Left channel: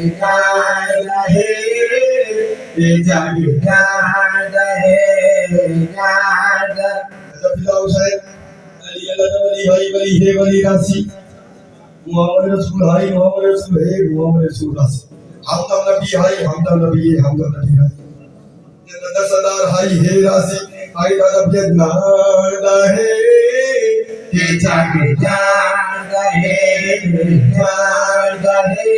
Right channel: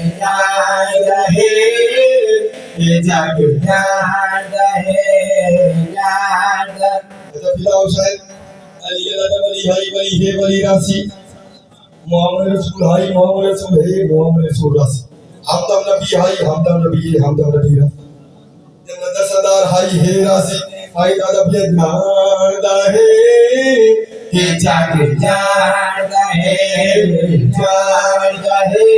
جانتا ہے یہ جگ جانتا ہے جانتا فلاح حسین علی اللہ ولی ہائی ولی ہے ولی راسی محمد رسول ہائی محمد رسول ہے محمد رسول راسی ہمدم نبی ہائی ہمدم نبی ہے ہمدم نبی راسی جنت سردار ہائی ہے راسی ہائی دادا بیت نادا ہے یہ جگ جانتا ہے جانتا ہے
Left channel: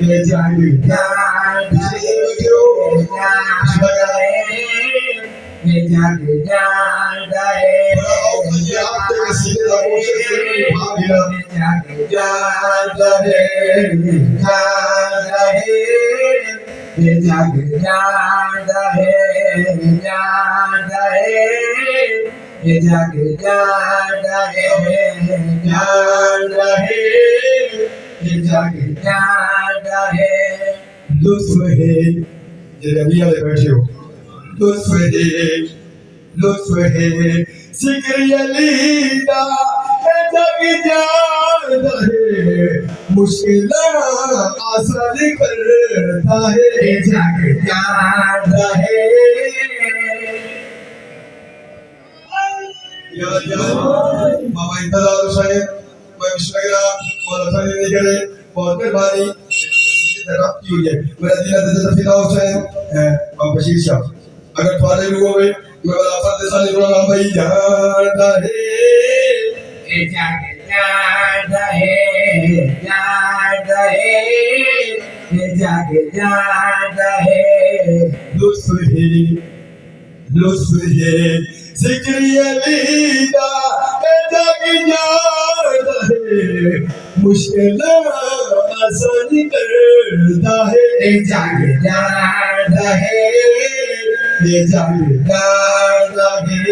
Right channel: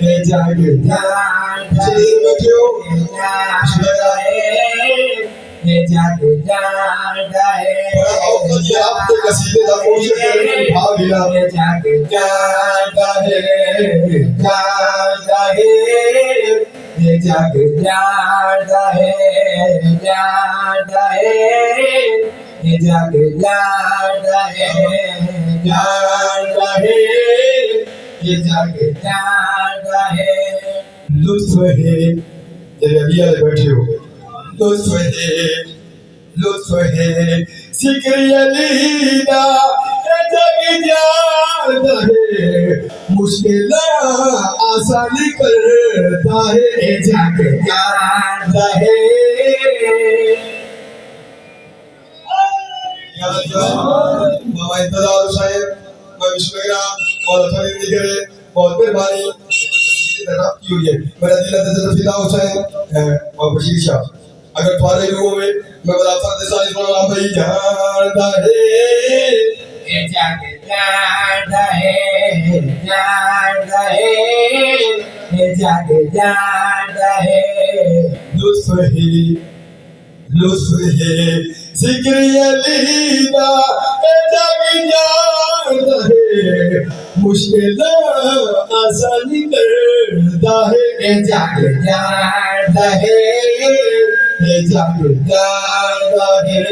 یہ جگ جانتا ہے جانتا ہے یہ جگ جانتا ہے بڑا اوقات یہ آپ کے قصیدے دا کوشش کرنے بھاگ ہلا یہ جگ جانتا ہے جانتا ہے یہ جگ جانتا ہے جانتا ہے یہ جگ جانتا ہے جانتا ہے یہ جگ جانتا ہے لطف ہے جب ابھی والے بیٹھے ہو لطف ہے لطف ہے ذکر علی دا اے جگ جانتا ہے مشکل آسان کرتا ہے یہ جگ جانتا ہے یا بابا انتظار حسین میں بسم اللہ مولا فرید نگرے بہت مہربانی رب کی ہوئی ہے میرا دل حضرت فلاح حسین اور بشیر شاہ اگر فارغ ہوئے میں بلا فرد سالی صلی اللہ بھائی جانتا ہے یہ جگ جانتا ہے جانتا ہے یہ جگ جانتا ہے لطف ہے لطف ہے ذکر علی دا اے جگ جانتا ہے مشکل آسان کرتا ہے یہ جگ جانتا ہے یہ جگ جانتا ہے